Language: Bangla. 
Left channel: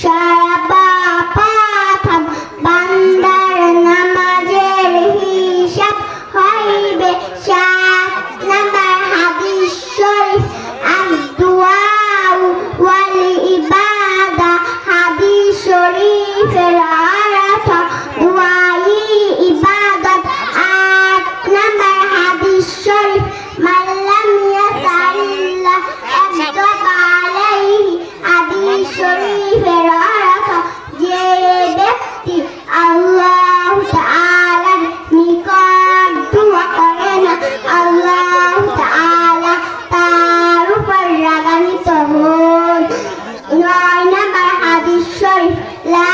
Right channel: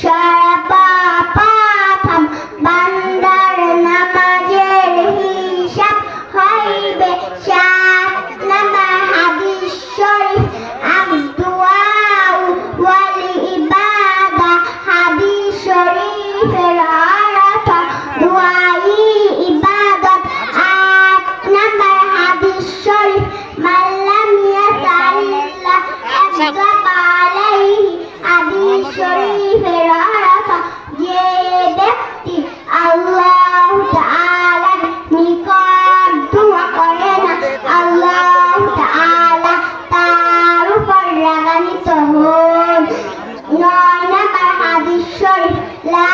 সরাপা পাথাম বান্দার নামাজের হিসাব হইবে 7 নাম্বার হাদিস শরীফ আদ-দুআউ ওয়াল ইবাদা হাদিস শরীফের অর্থ দুআই ইবাদত 8 নাম্বার হাদিস শরীফ মাল্লাম ইয়াসাল্লাহ আযযাবা আলাইহি হাদিস শরীফের অর্থ যে ব্যক্তি আল্লাহ তাআলার নিকট দোয়া করে না আল্লাহ তাআলা তার উপর রাগান্বিত হন 9 নাম্বার হাদিস শরীফ লা